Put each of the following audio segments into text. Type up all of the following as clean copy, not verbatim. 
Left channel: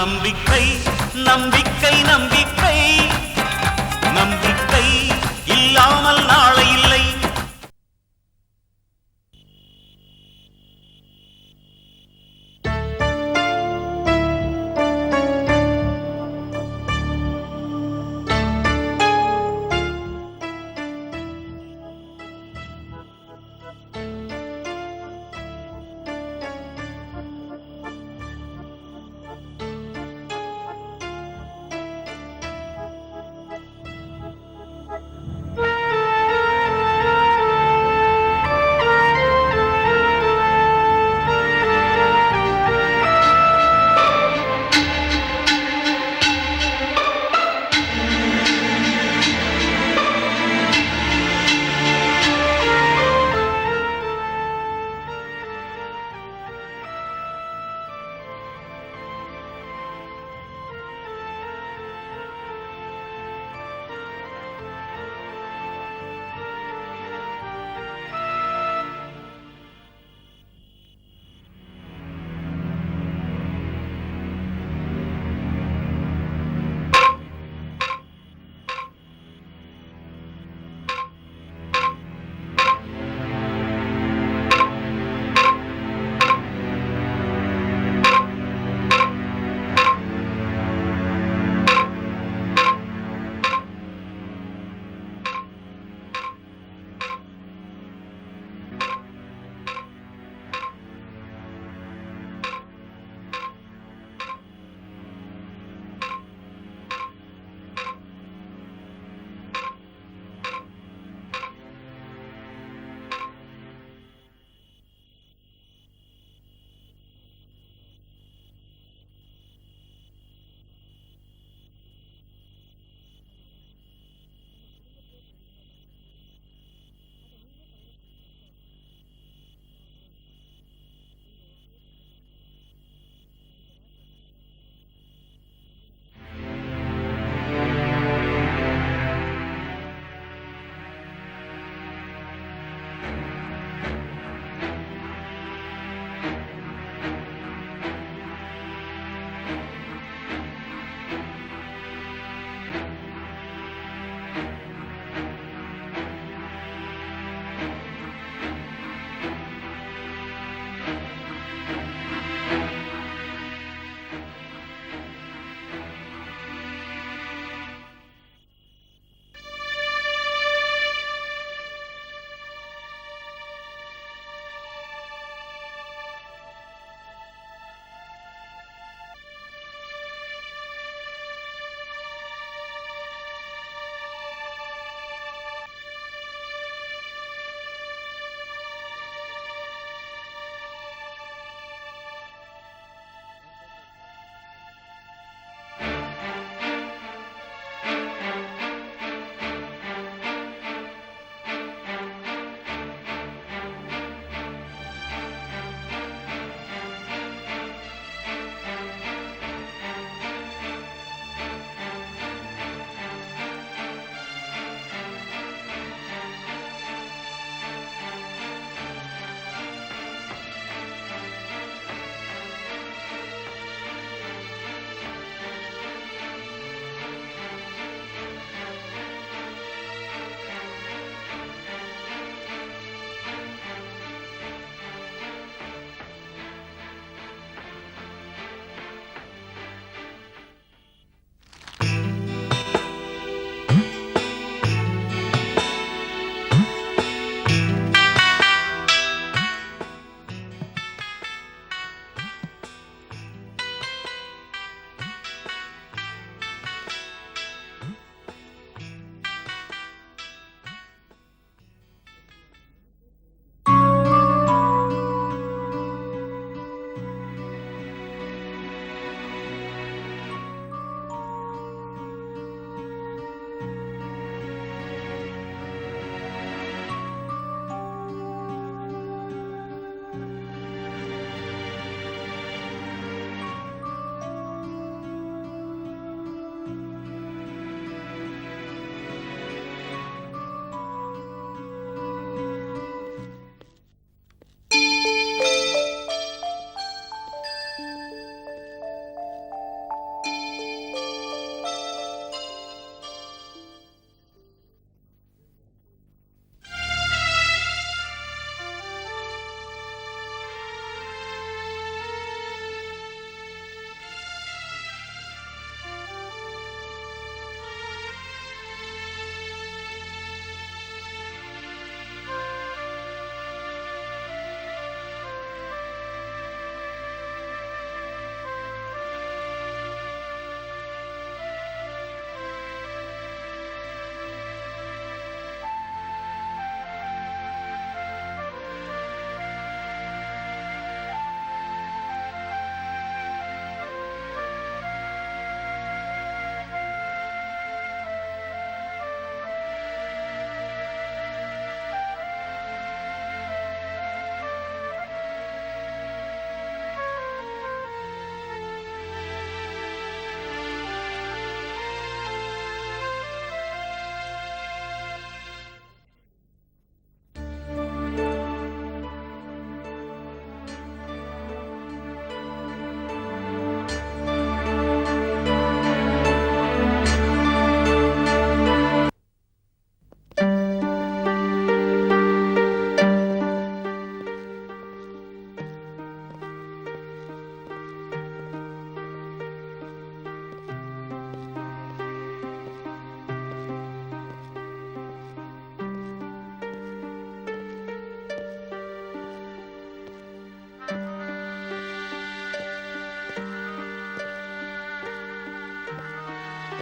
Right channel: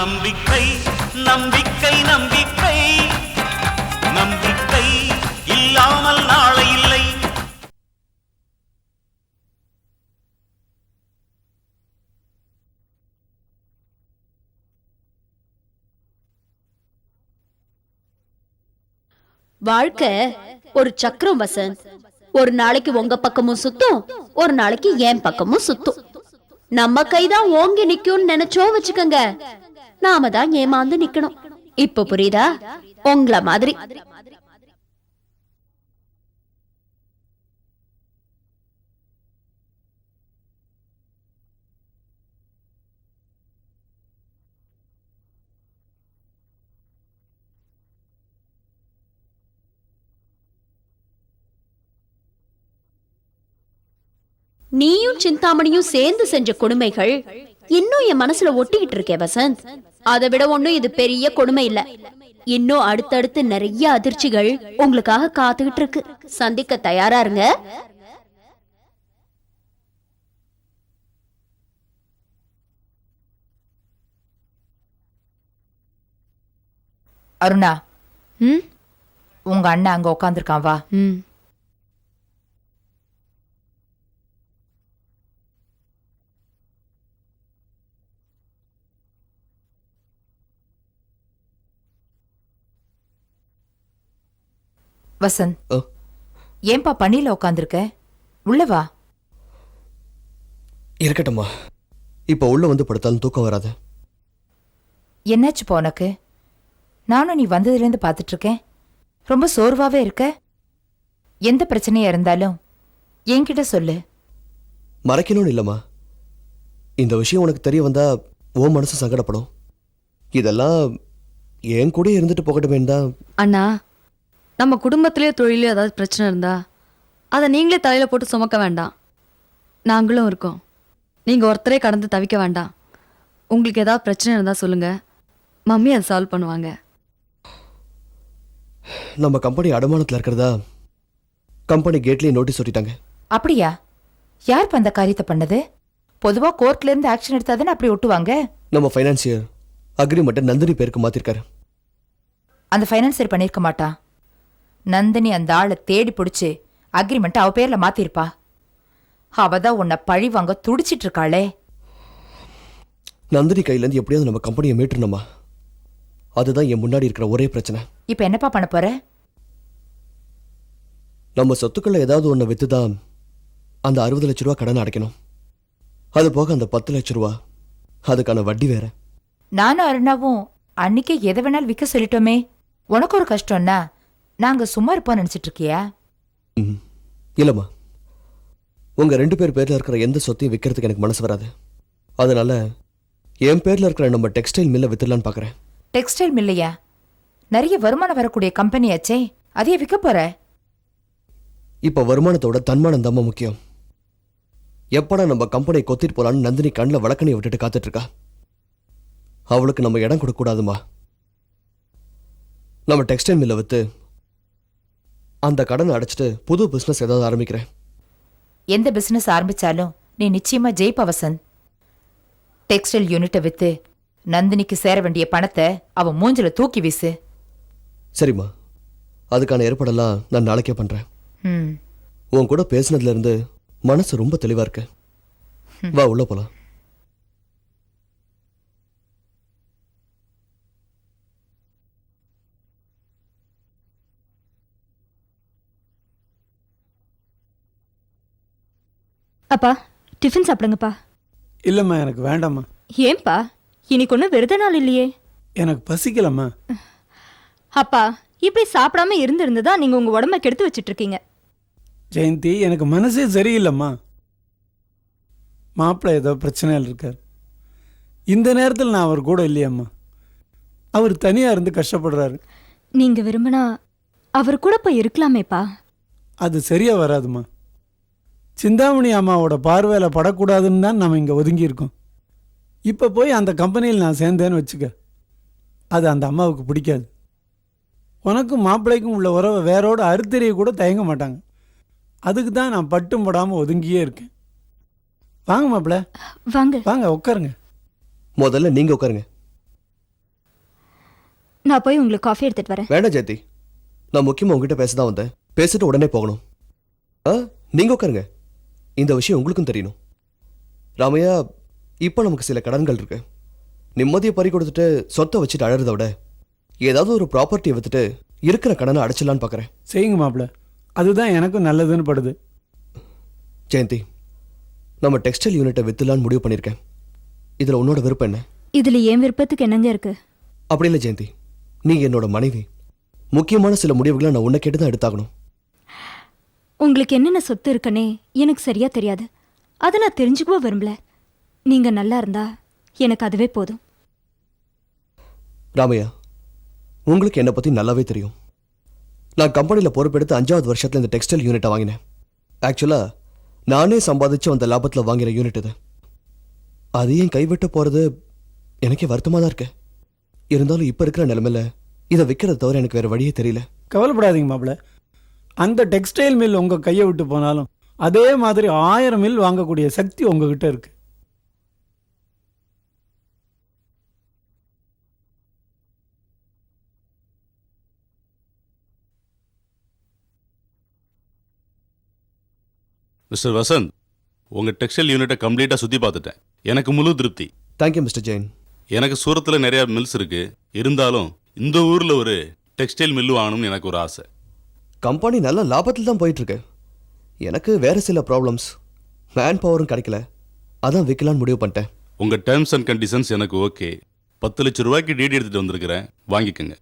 நம்பிக்கை நம்பிக்கை நம்பிக்கை நம்பிக்கை இல்லாமல் நாளை இல்லை. வாழ்க்கை ஒரு சக்கரம் வசந்த். ஒரு நாளைக்கு உங்க பக்கமும் சுத்தும், ஒரு நாளைக்கு என் பக்கமும் சுத்தும். நம்ம கைதான் ஓங்கி நிக்கும்னு நினைச்சோம் வச்சுக்கோங்க, நாம தான் ஏமாந்து நிக்கணும். இப்ப புரியுதா? உங்கள மாதிரி. நீயும் சிந்தாமணியும் சேர்ந்து செஞ்ச கொடுமைகள் இன்னும் என் மனசுல ஒட்டிக்கிட்டு இருக்கே வசந்த். அதை விட ஒண்ணும் இது பெரிய கொடுமை இல்ல. இன்னும் அடுத்தடுத்து நிறைய அதிர்ச்சிகள் உங்களுக்காக காத்துக்கிட்டு இருக்கு. சந்திக்க தயாரா இருங்க. அருணா, உங்க அண்ணன் அங்க உட்காந்துருக்கான், வா. வசந்த், ஏன்பா பண்ணில உட்காந்துருக்க? உள்ள வா. இருக்கட்டும்மா, இப்ப உள்ள வந்து படுத்தாலும் தூக்கம் வராது. என்னாச்சுப்பா உனக்கு? நானும் நீ வந்ததுலேருந்து பார்த்துட்டு இருக்கேன், ரொம்ப சோர்வாவே இருக்க. எந்த பிரச்சனையா இருந்தாலும் என்கிட்ட சொல்லு. மறைக்கணும்னு இல்லம்மா, இந்த விஷயம் உனக்கு தெரிய வந்தா உன் மனசு சங்கடப்படும். இதெல்லாம் என் கூட இருந்துட்டு போகட்டுமே தான். அண்ணா, நம்ம குடும்பத்திலே தொழிலே ஏதாவது பிரச்சனை இருந்தா அதை நீங்களே தலையில போட்டு சுமக்க வேண்டாம். நாங்களும் இருக்கோம். நீங்க ஒருத்தரே கடந்து தவிக்க வேண்டாம். உங்களுக்கு ஏதாவது பிரச்சனை இருந்தா சொல்லுங்க, மம்மி அதை சால்வ் பண்ணுவாங்க. நம்ம கம்பெனி அடமானத்தில் இருக்கிறதா கம்பெனி கேட்லயே நோட்டீஸ் ஒட்டிட்டாங்க. அப்படியா? யாருக்கு அந்த காரியத்தை பண்ணது? பொதுவா கோர்ட்ல இருந்து ஆக்ஷன் எடுத்தாதானே அப்படி ஒட்டுவாங்க. நம்ம ஃபைனான்சியர் அக்ரிமெண்ட்டை நந்தினி பேருக்கு மாத்திருக்காரு. அந்த ஃபைனான்சியர் பண்ணிருக்க மாட்டா. நந்தினி அந்த ஆளை தேடி பிடிச்சு அக்ரிமெண்ட் அவ பேர்ல மாத்திருப்பா. அவதான் உன்னை பழி வாங்க துடிச்சிட்டு இருக்காளே. நந்தினி கையில இருந்து எப்படியாவது நம்ம கம்பெனியை மீட்டணுமா? அதுதான் என் முன்னாடி இருக்கிற ஒரே பிரச்சனை. இப்ப என்னப்பா பண்ண போற? நம்ம சொத்துக்களை ஏதாவது ஒண்ணு வித்துதான் அந்த 60 லட்ச ரூபா கடன் அடைக்கணும். அது போக அந்த 10 லட்ச ரூபா அதுக்கான வட்டி வேற. நானும் அருணாவும் அன்னைக்கே எதை வேணாலும் விற்க சொல்லிட்டோமே. உனக்கு ஒரு கஷ்டம்னா நாங்க சும்மா இருப்போம் நினைச்சிட்டு இருக்கியா? இல்லம்மா, உங்க 2 பேர் பேர்ல இருக்கிற எந்த சொத்தையும் விற்கிறதுக்கு எனக்கு மனசு வராது. அதனால என் பேர்ல இருக்கிற நம்ம டெக்ஸ்டைல் மில்லை வித்துடலான்னு பாக்குறேன். டெக்ஸ்டைல் மில்லையா? நிறைய வருமானம் வரக்கூடிய கம்பெனியாச்சே, அதையே விற்க போற? இப்ப வருமானத்தோட தன்மானம் தான் முக்கியம். எப்படா நம்ம கம்பெனியை கொத்திட்டு போலான்னு நந்தினி கண்ணில் வழக்கணி விட்டுட்டு காத்துட்டு இருக்கா. அவளுக்கு நம்ம இடம் கொடுக்க கூடாதுமா. நம்ம டெக்ஸ்டைல் மில்லை வித்து அந்த கடனை அடைச்சிட்டு புது பிசினஸ் ஏதாவது ஆரம்பிக்கிறேன். எந்த பிசினஸ் ஆரம்பிச்சாலும் நீ நிச்சயமா ஜெயிப்ப வசந்த். டெக்ஸ்டைல் யூனிட்டை வித்து நந்தினிக்கு சேர வேண்டிய பணத்தை அவ மூஞ்சில தூக்கி வீசு. சரிம்மா, அதுக்கான ஏற்பாடெல்லாம் நான் நாளைக்கே பண்றேன். உன் கூட பேசினதுல இருந்து மனசு ரொம்ப தெளிவா இருக்கு. வா உள்ள போலாம். அப்பா, டிஃபன் சாப்பிடுங்கப்பா. இல்லம்மா, எனக்கு வேண்டாம்மா. ஏன்பா? இன்னைக்கு ஒன்றும் விரத நாள் இல்லையே. எனக்கு பசிக்கலம்மா. அப்பா, இப்படி சாப்பிடாம இருந்திருந்ததா நீங்க உங்க உடம்ப கெடுத்து வச்சிட்டு இருக்கீங்க. ஜெயந்தி, எனக்கு மனசே சரியில்லைம்மா. மாப்பிள்ளை ஏதோ பிரச்சனையில் இருக்கார். இந்த நேரத்தில் நான் அவர் கூட இல்லையம்மா. அவர் தனியா இருந்து கஷ்டப்படுறாரு. நீங்க விரும்பினா அவர் கூட போய் இருக்கலாமேப்பா. அது சரியா வராதுமா. சிந்தாமணி அம்மாவோட பார்வையில படக்கூடாதுன்னு தான் நம்ம இங்க ஒதுங்கி இருக்கோம். இப்ப போய் அந்த கம்பெனியில் நான் சேர்ந்தேன்னு வச்சுக்க, அது அந்த அம்மாவுக்கு பிடிக்காது. உனக்கும் மாப்பிள்ளைக்கும் உள்ள உறவை வேறோட அறுத்தறிய கூட தயங்க மாட்டாங்க. அதுக்கு தான் நான் பட்டும் படாம ஒதுங்கியே இருக்கேன். வாங்க மாப்பிள்ள, வாங்க வாங்க உட்காருங்க. முதல்ல நீங்க உட்காருங்க. நான் போய் உங்களுக்கு காஃபி எடுத்துட்டு வரேன். வேண்டாம் ஜெயந்தி, நான் முக்கியமா உங்ககிட்ட பேச தான் வந்தேன். பேசிட்டு உடனே போகணும். நீங்க உட்காருங்க. இந்த விஷயம் உங்களுக்கும் தெரியணும். ராமையா, இப்போ நமக்கு சில கடன்கள் இருக்கு. நிம்மதியை பறி கொடுத்துட்டு சொத்தை வச்சுட்டு அழறதை விட ஏதாவது ஒரு ப்ராப்பர்ட்டியை வித்துட்டு இருக்கிற கடனை அடைச்சிடலான்னு பார்க்குறேன். செய்யுங்க மாப்பிள்ள, அதுதான் எனக்கும் நல்லதுன்னு படுது. ஜெயந்தி, நம்ம டெக்ஸ்டைல் யூனிட்டை வித்துலான்னு முடிவு பண்ணியிருக்கேன். இதில் உன்னோட விருப்பம் என்ன? இதுல என் விருப்பத்துக்கு என்னங்க இருக்கு? அப்படி இல்லை ஜெயந்தி, நீங்க என்னோட மனைவி. முக்கியமான சில முடிவுகளை நான் உன்னை கேட்டு தான் எடுத்தாகணும். உங்களுக்கு என்னென்ன சொத்து இருக்குன்னே எனக்கு சரியா தெரியாது. அதை நான் தெரிஞ்சுக்கவோ விரும்பல. நீங்க நல்லா இருந்தா எனக்கு அதுவே போதும். ராமையா, உங்களுக்கு என்னை பத்தி நல்லாவே தெரியும். நான் கம்பெனியில் பொறுப்பெடுத்து 5வது வருஷத்துல இந்த டெக்ஸ்டைல் யூனிட்டை வாங்கினேன். ஆக்சுவலா நானே சம்பாதிச்சு அந்த லாபத்தில் வாங்கின யூனிட் இது. அதையும் கைவிட்டு போறது எனக்கே வருத்தமா தான் இருக்கு. இருந்தாலும் இப்ப இருக்கிற நிலைமையில இதை விற்கிறத தவிர எனக்கு வேற வழியே தெரியல. கவலைப்படாதீங்க மாப்பிள்ள, அந்த டெக்ஸ்டைல் மில் உங்க கையை விட்டு போனாலும் அதே மாதிரி 1000 மில் வாங்கக்கூடிய சக்தி உங்ககிட்ட இருக்கு. மிஸ்டர் வசந்த், உங்க டெக்ஸ்டைல் யூனிட்டை கம்ப்ளீட்டா சுத்தி பார்த்துட்டேன். எனக்கு முழு திருப்தி. Thank you mister Jain. எனக்கு சூரத்துல நிறைய மில்ஸ் இருக்கு. இருந்தாலும் இந்த ஊர்ல ஒரு டெக்ஸ்டைல் மில் வாங்கணும்னு எனக்கு ஒரு ஆசை. கம்பெனி நல்ல லாபத்தில் தான் போயிட்டு இருக்கு. எனக்கு வேற சில ப்ராப்ளம்ஸ், மேன் பவரும் கிடைக்கல. அதான் விற்கலான்னு முடிவு பண்ணிட்டேன். உங்க டேர்ம்ஸ் அண்ட் கண்டிஷன்ஸ் எனக்கு ஓகே. 10 லட்சம் ரூபாய்க்கு டிடி எடுத்துட்டு வந்திருக்கிறேன், வாங்கிக்கோங்க.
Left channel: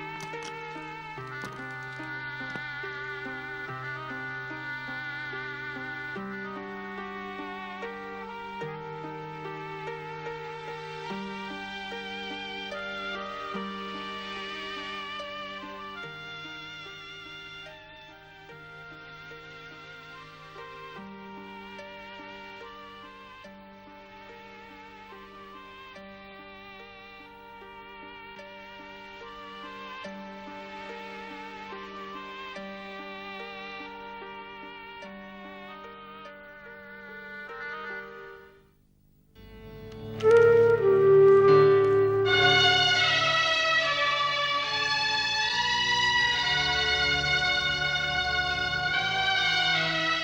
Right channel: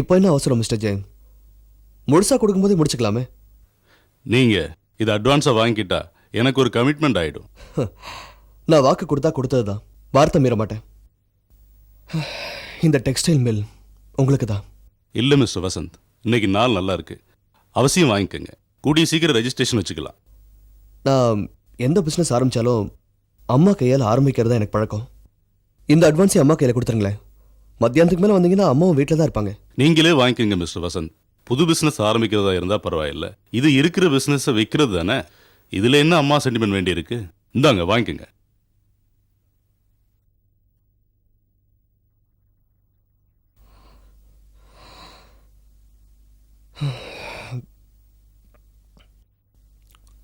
இப்போ என்ன அவசரம் மிஸ்டர் ஜெயின்? முழுசா கொடுக்கும்போது முடிச்சுக்கலாமே. நீங்க இது அட்வான்ஸா வாங்கிக்கிட்டா எனக்கு ஒரு கமிட்மெண்ட் ஆயிடும். நான் வாக்கு கொடுத்தா கொடுத்தது தான், வார்த்தை மீற மாட்டேன். இந்த டெக்ஸ்டைல் மில் உங்களுக்கு தான். இல்ல மிஸ்டர் வசந்த், இன்னைக்கு நாள் நல்லா இருக்கு, அவசியம் வாங்கிக்கோங்க. கூடிய சீக்கிரம் ரெஜிஸ்ட்ரேஷன் வச்சுக்கலாம். நான் எந்த பிஸ்னஸ் ஆரம்பிச்சாலும் அம்மா கையால் ஆரம்பிக்கிறது எனக்கு பழக்கம். இந்த அட்வான்ஸை அம்மா கையில் கொடுத்துருங்களேன். மத்தியானத்துக்கு மேலே வந்தீங்கன்னா அம்மாவும் வீட்டில் தான் இருப்பாங்க. நீங்களே வாங்கிக்கோங்க மிஸ்டர் வசந்த். புது பிசினஸ் ஆரம்பிக்கிறதா இருந்தா பரவாயில்ல, இது இருக்கிற பிசினஸ் விற்கிறது தானே. இதுல என்ன அம்மா சென்டிமெண்ட் வேண்டி இருக்கு? இந்தாங்க வாங்கிக்கோங்க.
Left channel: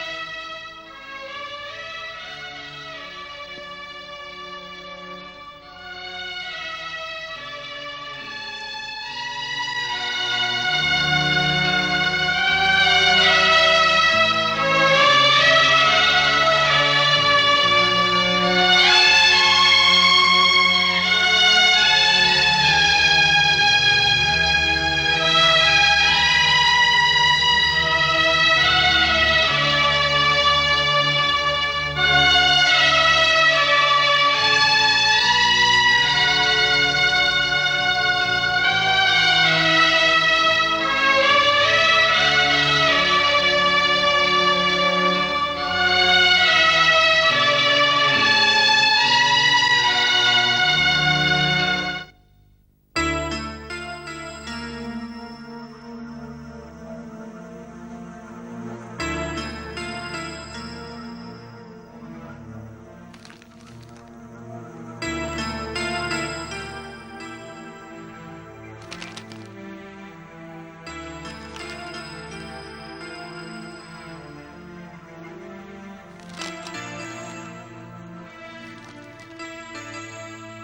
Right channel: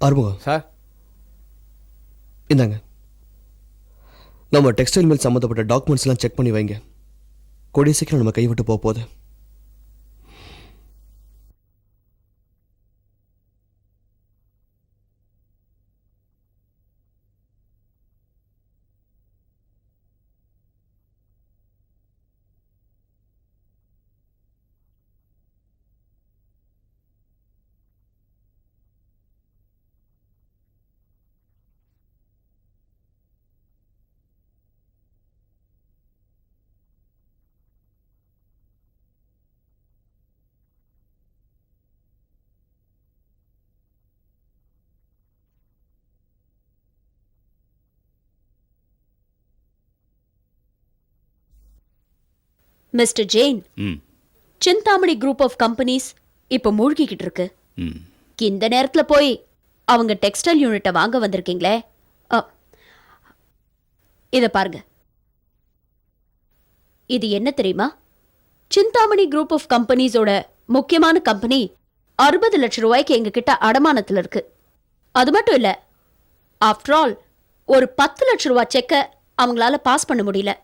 ஆறுமுகம் சார், இந்தாங்க. நம்ம டெக்ஸ்டைல் மில் சம்மந்தப்பட்ட டாக்குமெண்ட்ஸ்லாம் செக் பண்ணி வைங்க. கூடிய சீக்கிரம் நம்ம கைவிட்டு போக போகுது. மிஸ்டர் ஜெயின், ம். சிந்தாமணி குரூப் ஆஃப் கம்பெனிஸ் இப்ப மூழ்கிக்கிட்டு இருக்கு. ம். இந்த நேரத்துல போய் அவங்க டெக்ஸ்டைல் யூனிட்டை வாங்க வந்திருக்கீங்களே, இத பாருங்க. இது என்ன தெரியுமா? சிந்தாமணி குரூப் ஆஃப் கம்பெனிஸோட முக்கியமான கம்பெனி 60 லட்சம் ரூபாய்க்கு எங்க கிட்ட அடமானத்துல இருக்கு. அது மட்டும் இல்ல, ஆஃப்டர் ஆல் ஒரு 10 லட்சம் ரூபாய் செக்க அவங்களால பாஸ் பண்ண முடியல.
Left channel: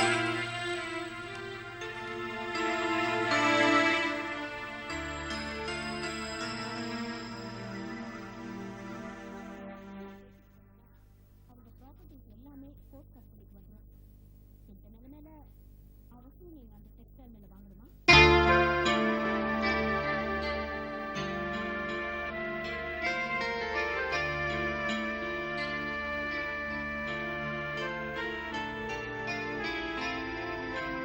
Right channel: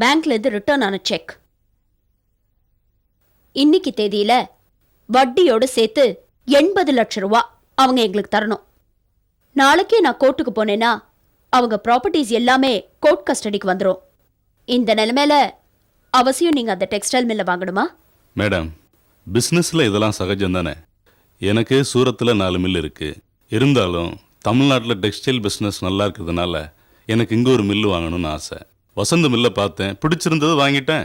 பேங்க்ல இருந்து ரிட்டர்ன் ஆன செக் இன்னைக்கு தேதியில வட்டியோட சேர்த்து 80 லட்சம் ரூபாய் அவங்க எங்களுக்கு தரணும். நாளைக்கே நான் கோர்ட்டுக்கு போனேன்னா அவங்க ப்ராப்பர்ட்டிஸ் எல்லாமே கோர்ட் கஸ்டடிக்கு வந்துரும். இந்த நிலைமையில அவசியம் நீங்க அந்த டெக்ஸ்டைல் மில்ல வாங்கணுமா? மேடம், பிசினஸ்ல இதெல்லாம் சகஜம் தானே. எனக்கு சூரத்துல 4 மில் இருக்கு. இருந்தாலும் தமிழ்நாட்டில் டெக்ஸ்டைல் பிசினஸ் நல்லா இருக்கிறதுனால எனக்கு இங்க ஒரு மில்லு வாங்கணும்னு ஆசை. வசந்த மில்ல பார்த்தேன், பிடிச்சிருந்தது வாங்கிட்டேன்.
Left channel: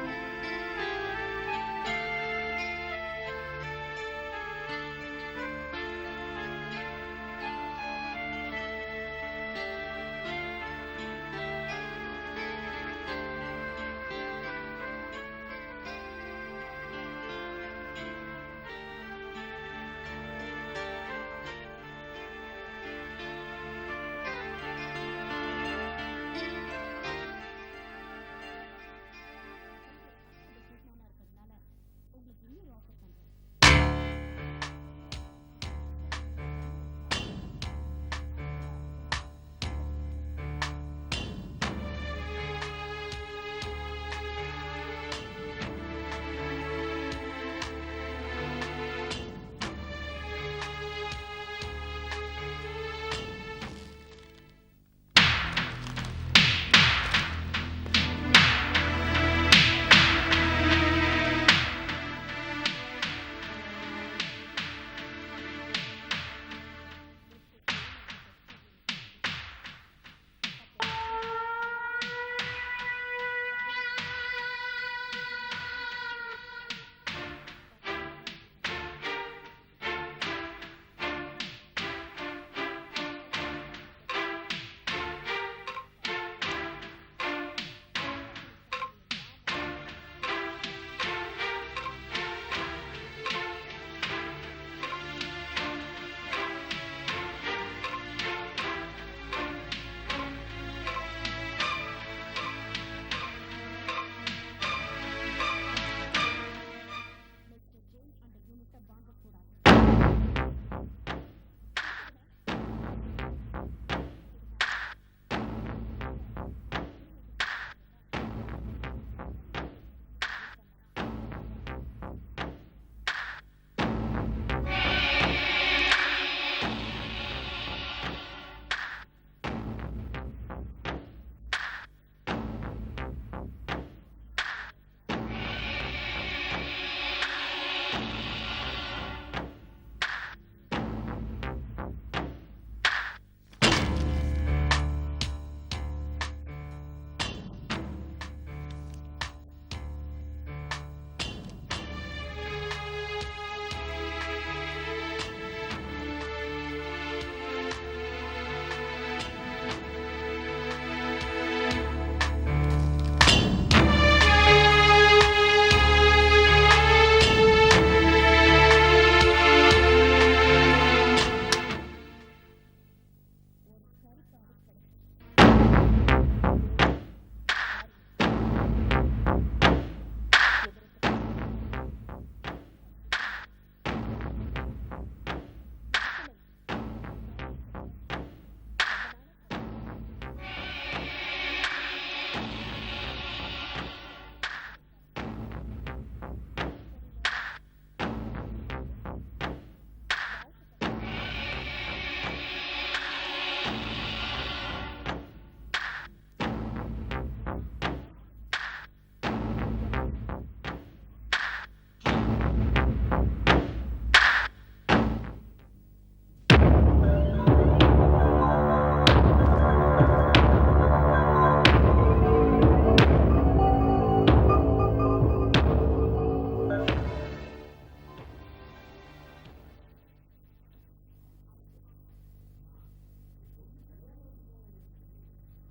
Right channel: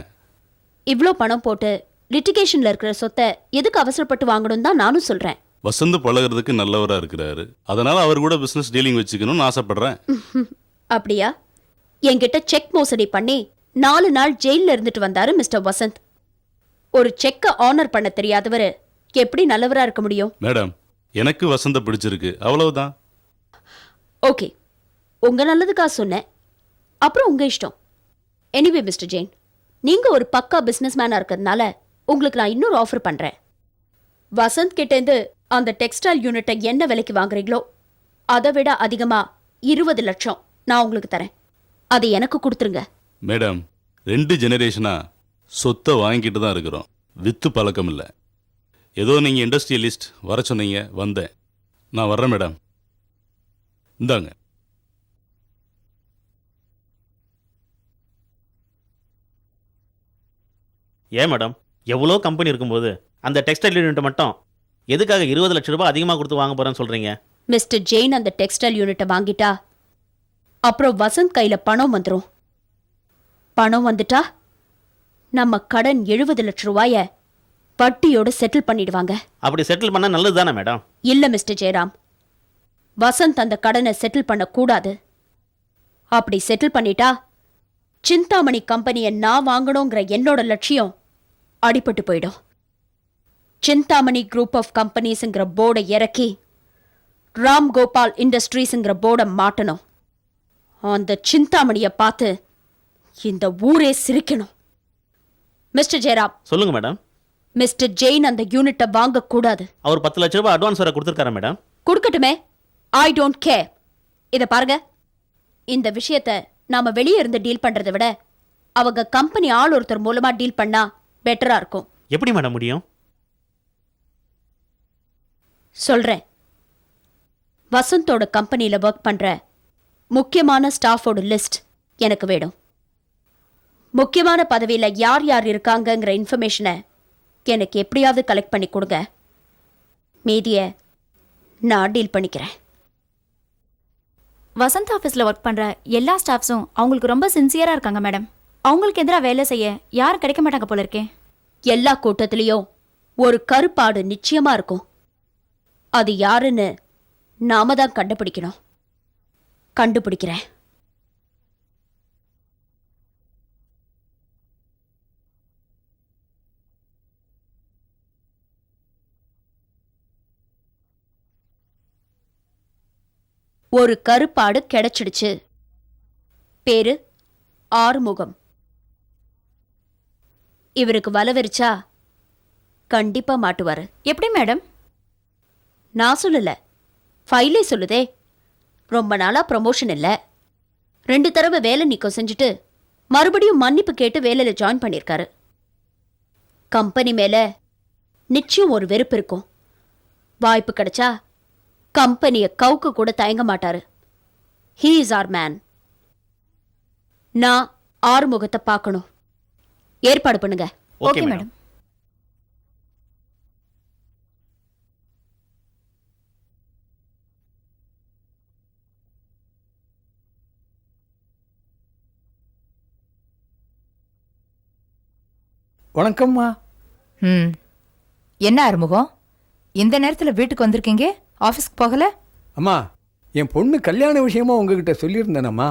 இவ்ளோ பணம் போட்டு லிட்டிகேஷன்ல இருக்கிற சொத்தை எதுக்கு அவசரப்பட்டு வாங்கணும் தான் நானும் சொல்றேன். வசந்த் பழகிறதுக்கு நல்லவரா இருக்கிறாரு, அதனால அவர் கூட பிசினஸ் டீலிங் வச்சுக்கணும்னு ஆசைப்படுறேன். அப்படியா? என்கிட்ட செக் மோசடி பண்ணி 4 நாள் ஜெயில இருந்துட்டு வந்தாரு மிஸ்டர் வசந்த். ஒரு செக்க ஆனர் பண்ண தெரியாதவர் எப்படி நல்லவரா இருக்க முடியும்? மேடம், எனக்கு வசந்த பிடிச்சிருக்கு, அவ்வளவுதான். ஓகே, உங்க நல்லதுக்காக சொன்னேன். அப்புறம் உங்க இஷ்டம். எனிவே மிஸ்டர் ஜெயின், நீங்க ஒரு பக்கா பிசினஸ் மேனா இருக்கிறதுனால உங்களுக்கு நான் இன்னொரு ஆஃபர் பண்றேன். வசந்த் கிட்ட இருந்து அந்த டெக்ஸ்டைல் யூனிட்டை என்ன விலைக்கு வாங்குறீங்களோ அதை விட அதிகமா 20 லட்சம் நான் உங்களுக்கு தரேன். அதை எனக்கு கொடுத்துருங்க. மேடம், 2 ஜெனரேஷனா சொத்தை வாங்கிட்டு தான் இருக்கிறோம். வித்து பழக்கம் இல்லை. ஏதோ நீங்க இண்டஸ்ட்ரியலிஸ்ட் வர சொன்னீங்க, வந்தேன். நான் வர்றேன் மேடம். இந்தாங்க. ஏன் மேடம், எவ்வளோ கம்பெனி இருக்கும்போது அந்த டெக்ஸ்டைல் யூனிட் மட்டும் எதுக்காக 20 லட்சம் ரூபாய் அதிகமாக கொடுத்து வாங்க போறேன்னு சொல்றீங்க? மிஸ்டர் ஜெயின் அந்த டெக்ஸ்டைல் யூனிட்டை வாங்கிட்டா அப்புறம் வசந்த் கையில பணம் வந்துடும். பணம் வந்துட்டா நம்ம கடன் 70 லட்சம் ரூபாய வட்டியோட செட்டில் பண்ணிடுவாங்க. அப்படி செட்டில் பண்ணா நல்லது தானே மேடம்? இல்ல மிஸ்டர் ஜெயராம், வசந்த் அந்த கடனை செட்டில் பண்ண கூடாது. அப்படி செட்டில் பண்ணிட்டா சிந்தாமணி கம்பெனியை நான் வாங்கணுங்கிற என்னோட லட்சியம் அடிபட்டு போயிடும். சிந்தாமணி குரூப் ஆஃப் கம்பெனிஸ்ங்கிற போர்டை இறக்கி ராம் கோபால் இண்டஸ்ட்ரீஸ்ங்கிற போர்டை மாட்டணும். அந்த சிந்தாமணியை பார்த்து இந்த ஊரே சிரிக்கணும். மிஸ்டர் ஜெயராம். சொல்லுங்க மேடம். மிஸ்டர் ஜெயின் அந்த யூனிட்டை வாங்க கூடாது. அவர் 10 லட்சம் ரூபாய் அட்வான்ஸ் வர கொடுத்துருக்காரு மேடம். கொடுக்கட்டுமே, ஐ டோன்ட் கேர். இத பாருங்க, இந்த விஷயத்தை நாம வெளியே இருந்து டீல் பண்றதை விட அவங்க கம்பெனி ஆள் ஒருத்தர் மூலமா டீல் பண்ணா பெட்டரா இருக்கும். எப்படி மேடம் முடியும்? சொல்றேன். வசந்தோட கம்பெனில ஒர்க் பண்ற முக்கியமான ஸ்டாஃபோட லிஸ்ட் எனக்கு வேணும். முக்கியமான பதவியில யார் யார் இருக்காங்கங்கிற இன்ஃபர்மேஷனை எனக்கு எப்படியாவது கலெக்ட் பண்ணி கொடுங்க. மீதிய நான் டீல் பண்ணிக்கிறேன். வசந்த் ஆஃபீஸில் ஒர்க் பண்ணுற எல்லா ஸ்டாஃப்ஸும் அவங்களுக்கு ரொம்ப சின்சியராக இருக்காங்க மேடம். அவங்களுக்கு எதிராக வேலை செய்ய யாரும் கிடைக்க மாட்டாங்க போல இருக்கே. எல்லா கூட்டத்திலையும் ஒரு கருப்பாடு நிச்சயமா இருக்கும். அது யாருன்னு நாம தான் கண்டுபிடிக்கணும். கண்டுபிடிக்கிறேன். ஒரு கருப்பாடு கிடைச்சிடுச்சு. பேரு ஆறுமுகம். இவருக்கு வலவரிச்சா கண்டிப்பா மாட்டுவாரு. எப்படி மேடம்? நான் சொல்லல, ஃபைலே சொல்லுதே. ரொம்ப நாளா ப்ரமோஷன் இல்ல, 2 தடவை வேலை நீக்கம் செஞ்சுட்டு மறுபடியும் மன்னிப்பு கேட்டு வேலையில ஜாயின் பண்ணிருக்காரு. கம்பெனி மேல நிச்சயம் ஒரு வெறுப்பு இருக்கும். வாய்ப்பு கிடைச்சா கம்பெனியை கவுக்க கூட தயங்க மாட்டாரு. He is our man. நான் ஆறுமுகத்தை பார்க்கணும். ஏற்பாடு பண்ணுங்க. Okay madam. வணக்கம்மா. என்ன ஆறுமுகம், இந்த நேரத்துல வீட்டுக்கு வந்திருக்கீங்க? ஆஃபீஸ்க்கு போகல? அம்மா, என் பொண்ணு கல்யாண விஷயமா உங்ககிட்ட சொல்லியிருந்தேனம்மா.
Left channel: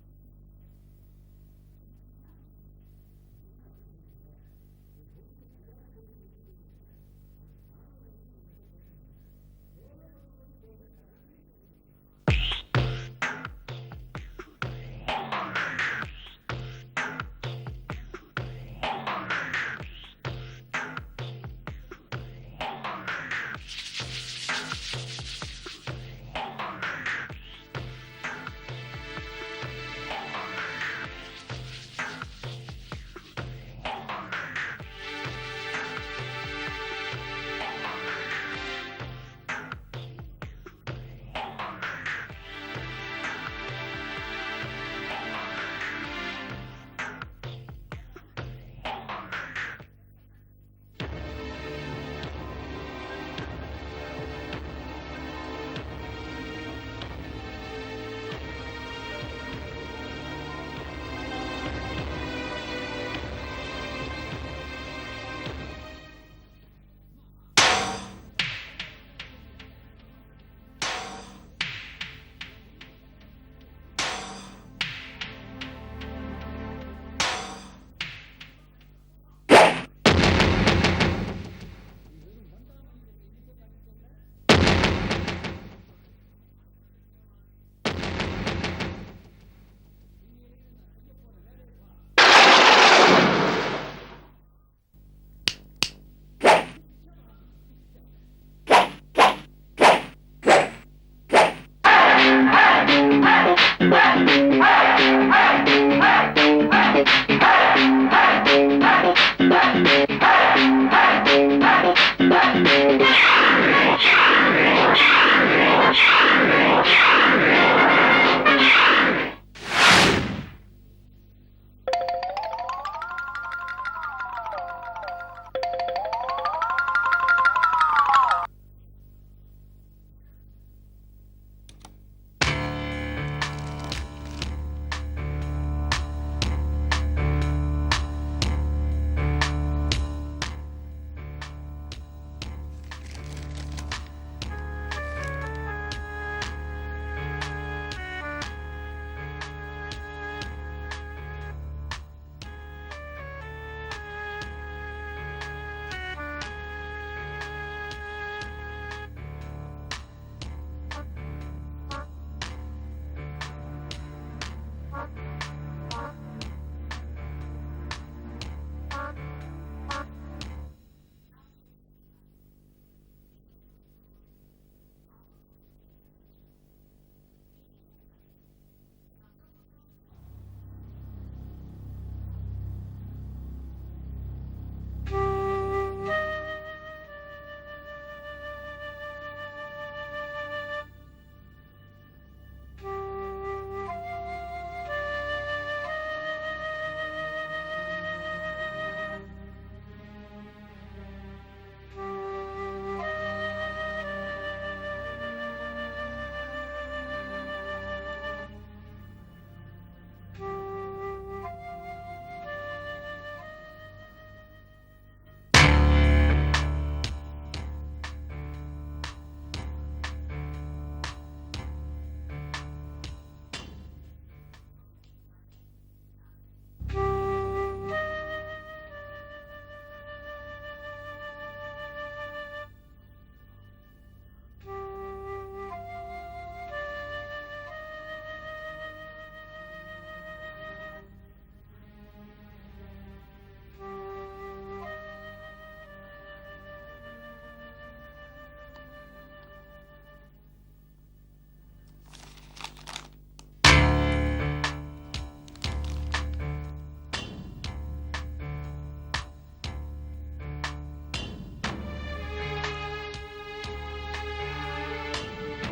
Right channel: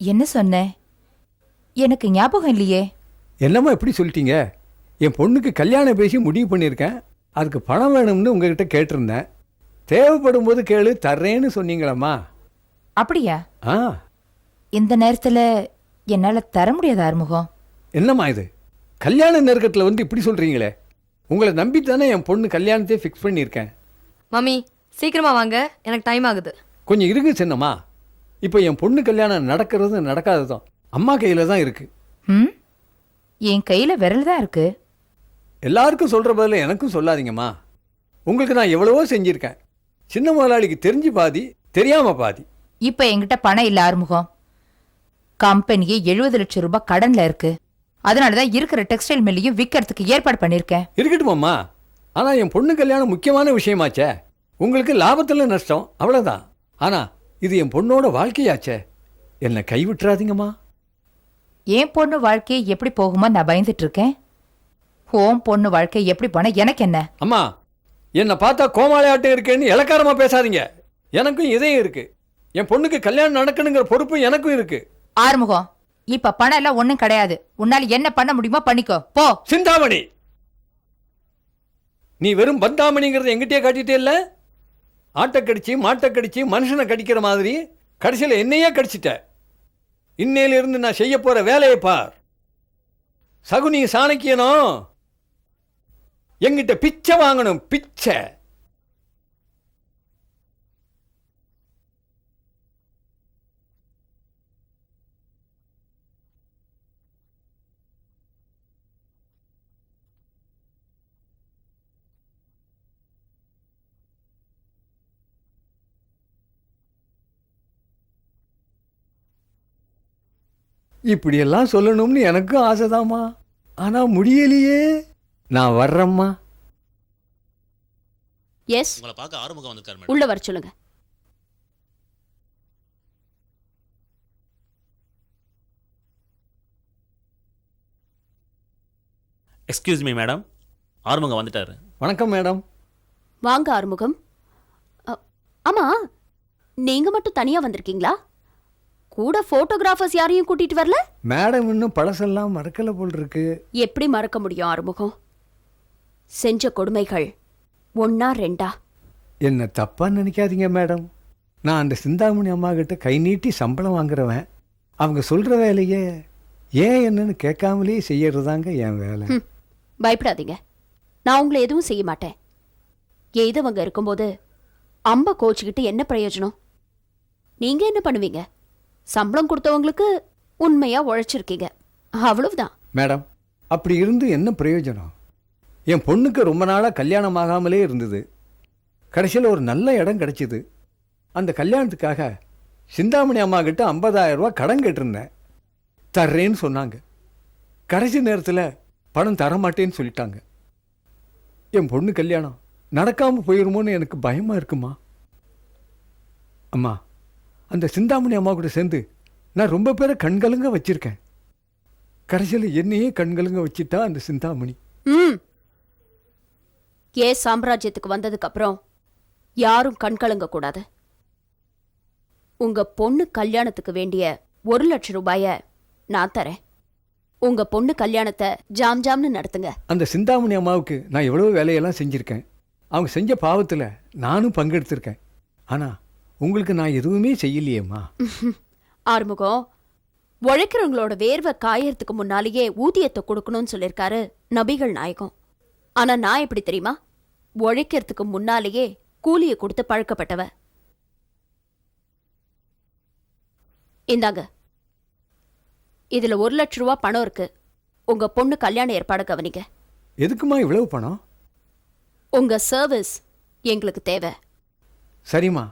என்ன சொன்ன? எனக்கு ஞாபகம் இல்லையே. என்னம்மா எப்படி சொல்லிட்டீங்க? என் பொண்ணுக்கு கல்யாணம் பேசி முடிவு பண்ணியிருக்கேன். அதுக்கு பணம் வேணும்னு உங்ககிட்ட கேட்டிருந்தேன். தேவைப்படும் போது கேளு, தர்றேன்னு சொன்னீங்களம்மா. அப்படியா? ஆ. இந்த நேரத்துல என்னால தர முடியாது ஆறுமுகம். என்னம்மா இது, கல்யாண நெருக்கத்தில் வந்து இப்படி சொல்றீங்களே? உங்களை நம்பித்தானே என் பொண்ணு கல்யாணத்தை ஃபிக்ஸ் பண்ணியிருக்கேன். மம்மி சீக்கிரமா வாங்க, எனக்கு டைம் ஆகுது. கொஞ்சம் இருங்க சின்னம்மா. இப்போ என் பொண்ணு கல்யாணம் நடக்கிறதும் நடக்காததும் அம்மா கையில் தான் இருக்கு. என் கையில விரல் தான் இருக்கு. எல்லாருக்கும் சொல்ற பதில் எனக்கும் சொல்லாதீங்கம்மா. உங்களுக்கு நான் எவ்வளவோ செஞ்சிருக்கேன். சின்ன முதலாளிக்கு தெரிஞ்சு பாதி, தெரியாம பாதி. இப்ப என்கிட்ட பணம் இல்ல ஆறுமுகம். கம்பெனிக்கு 70 லட்சம் ரூபாய் கடன்ல இருக்கு. அதனாலதான் இருக்கிற டெக்ஸ்டைல் மில்லையும் விற்கிறதுக்கு ஏற்பாடு பண்ணிருக்கேன். இருக்கட்டுமாம்மா, ஆனா என் பொண்ணு கல்யாணம் முக்கியமான விஷயமாச்சே. உங்களுக்கு லாபத்துல நஷ்டம் அவ்வளவுதான். ஆனா இது என் பொண்ணோட வாழ்க்கையாச்சே. என்னை கைவிட்டுறாதீங்கம்மா. என் பொண்ணு வாழ்க்கையை எப்படி போகுமோ நான் பயந்துட்டு இருக்கேன். உன் பொண்ணு வாழ்க்கை எப்படி போனா எனக்கு என்ன? அம்மா, என்னை பார்த்தா கோமாளியாட்டம் இருக்கேன்னு இலக்காரமா பேசாதீங்க. எனக்கும் இதயம் இருக்கு. என் பொண்ணுக்கு கல்யாணம் நடக்கணுங்கிற பொறுப்பு எனக்கும் இருக்கு. ஆறுமுகம், இப்ப பணம் எல்லாம் ஒண்ணும் கிடையாது. உன்னால என்ன பண்ண முடியுமோ பண்ணிக்கோ, போ. சிந்தாமணி, நீ வெறும் பந்தாமணிங்கிறத எங்கிட்டே காட்டிட்டே இல்ல. ஆட்டை கடிச்சு மாட்டை கடிச்சு மனுஷனை கடிக்கிற மாதிரி கடைசியில என்னையே கடிச்சிட்ட. இன்னையிலிருந்து நான் செய்ய போற வேலையை பார். சகுனி சாணக்கியனும் என்கிட்ட பிச்சை வாங்கணும், பிச்சை. இப்படியெல்லாம் சொல்லணும்னு எனக்கும் ஆசைதாம்மா, ஆனா முடியலையே. நான் வர்றேம்மா. எஸ், உங்களை பார்க்க ஆறுமுகம் வந்திருக்காரு மேடம். உள்ள வர சொல்லுங்க. எக்ஸ்கியூஸ் மீ மேடம், ஆறுமுகம் வந்துட்டாரு. வணக்கம் மேடம். வாங்க ஆறுமுகம். ஆமா, நீங்க மட்டும் தனியா வந்திருக்கீங்களா? கூட போட்டோகிராஃபர்ஸ் யாரையும் கூட்டிட்டு வரல? மேடம் இன்னும் பழசெல்லாம் மறக்கல போல் இருக்கு. எப்படி மறக்க முடியும் ஆறுமுகம்? செஞ்ச கொடுமைகள் ஒன்னா ரெண்டா? என்ன தப்பா நினைக்காதீங்க மேடம். நான் அந்த சிந்தாமணி அம்மா கிட்ட கை நீட்டி சம்பளம் வாங்குறவன். அவங்க சொல்ற வேலையே ஏன் என்னன்னு கேட்காமலே செய்யறதாங்க என் வேலை. பயப்படாதீங்க, நான் உங்களை எதுவும் செய்ய மாட்டேன். எய்தவங்க இருக்கும்போது அம்ப கோச்சுக்கிட்டு என்ன பிரயோஜனம்? நீங்க என்ன பண்ணுவீங்க? சம்பளம் கொடுத்தவங்களுக்கு உண்மையா உழைச்சிருக்கீங்க, அவ்வளவுதான். மேடம், அப்படி இருந்து என்ன பிரயோஜனம்? என் பொண்ணுக்கு ரொம்ப நாளா கல்யாணம் ஆகாமலே இருந்தது. கடைசியில் ஒரு நல்ல இடம் கிடைச்சிது. அந்த கல்யாணத்துக்காக சிந்தாமணி அம்மா கிட்ட 50,000 ரூபாய் கடன் கேட்டிருந்தேன். தர்றேன்னு சொன்னாங்க. கடைசி நேரத்தில் பணம் தரமாட்டேன்னு சொல்லிட்டாங்க. என் பொண்ணு கல்யாணம் நடக்காம போயிருமோன்னு எனக்கு பயமா இருக்குமா. அம்மா, அந்த சிந்தாமணி அம்மா கூட சேர்ந்து நான் ரொம்ப பேரை கண்கலங்க வச்சிருக்கேன். கடைசியில் என்னையே கண்கலங்க வச்சுட்டா அந்த சிந்தாமணி. சாம்ராஜ்யத்துக்கு வந்ததுக்கு அப்புறம் யாரும் கண்கலங்க கூடாது. உங்க பொண்ணு கல்யாணத்துக்கு வேண்டிய 1,00,000 ரூபாய நான் தரேன். உங்க பொண்ணு கல்யாணத்தை ஜாம் ஜாம்னு நடத்துங்க. அந்த சிந்தாமணி அம்மாவுக்கு நான் எவ்வளவு வேலையெல்லாம் செஞ்சிருக்கேன். அவங்க செஞ்ச பாவத்துல நானும் பங்கெடுத்திருக்கேன். ஆனா உங்களுக்கு நான் எதுவுமே செய்யலையேம்மா. ஆறுமுகம், உழைக்கிறவங்களோட வேர்வை காயறதுக்கு முன்னாலேயே ஊதியத்தை கொடுக்கணும்னு சொல்லியிருக்காரு நபிகள் நாயகம். ஆனா நான் எப்படி தெரியுமா? உழைக்கிறதுக்கு முன்னாலேயே கூலியை கொடுத்து பழக்கப்பட்டவ. இந்தாங்க, இதுல 1,00,000 ரூபாய் பணம் இருக்கு. உங்க பொண்ணு கல்யாண ஏற்பாடு கவனிங்க. எதுக்குமா இவ்வளவு பணம்? உங்க சர்வீஸ் எங்களுக்கு தேவை. சரிம்மா,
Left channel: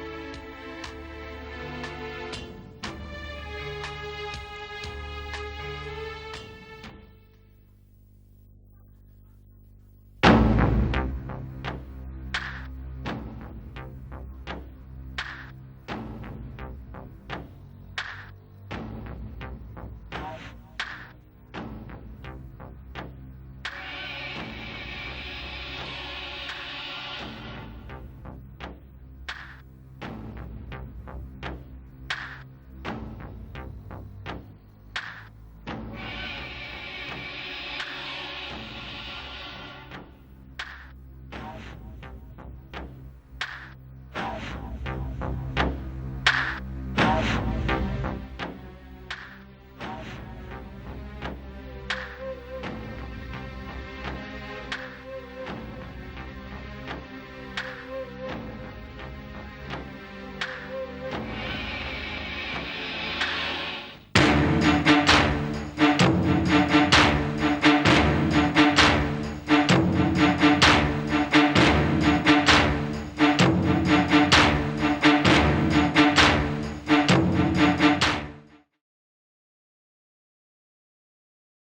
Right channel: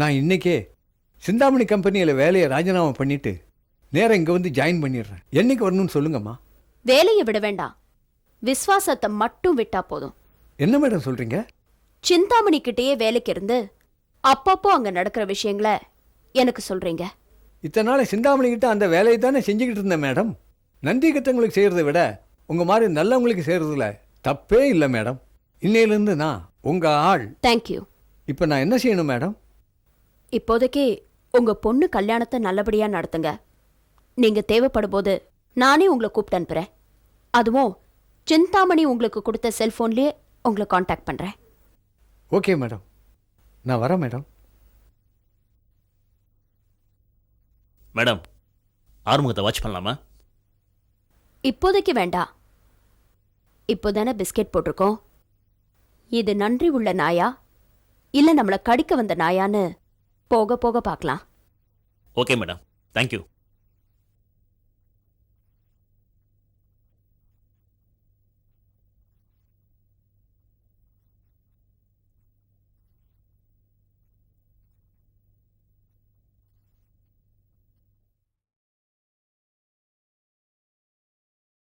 நான் இன்னைக்கே சிந்தாமணி கம்பெனியில வேலையை ராஜினாமா பண்ணிட்டு நேரம் இங்க வந்து ஜாயின் பண்ணிடுறேன். என்னைக்கு வரணும்னு சொல்லுங்கம்மா. வேலையை விட வேண்டாம், விசுவாசத்தை மட்டும் விட்டா போதும். என்ன மேடம் சொல்றீங்க? சிந்தாமணி கிட்டேயே வேலைக்கு இருந்து அப்பப்போ அங்க நடக்கிற விஷயங்களை எனக்கு சொல்றீங்க. இத்தனை நாள் சிந்தாமணி கிட்ட அந்த வேலையை தானே செஞ்சுக்கிட்டு இருந்தேன் மேடம். நன்றி கட்டங்களுக்கு செய்யறதை விட உங்க மாதிரி நல்லவங்களுக்கு செய்யறதுல தப்பே இல்லை மேடம். இன்னையிலிருந்து நான் உங்க ஆள். தேங்க்யூ. இப்போ நான் என்ன செய்யணும் மேடம்? இப்போதைக்கு உங்க பொண்ணு கல்யாணத்தை நல்லபடியா நடத்துங்க. நீங்க தேவைப்படும் போது நானே உங்களை கூப்பிட்டு அனுப்புறேன். அதுவும் சிந்தாமணி உங்களுக்கு கொடுத்த செல்போன்லயே உங்களை காண்டாக்ட் பண்றேன். ஓகே மேடம், நான் வரேன் மேடம். மேடம், ஆறுமுகத்தை வாட்ச் பண்ணலாமா? இப்போதைக்கு வேண்டாம். இப்போதானே பிஸ்கெட் போட்டிருக்கோம். இது நன்றி உள்ள நாயா இல்ல நம்மளை கடிக்க வந்த நாயான்னு போக போக பார்க்கலாம். Okay madam, thank you.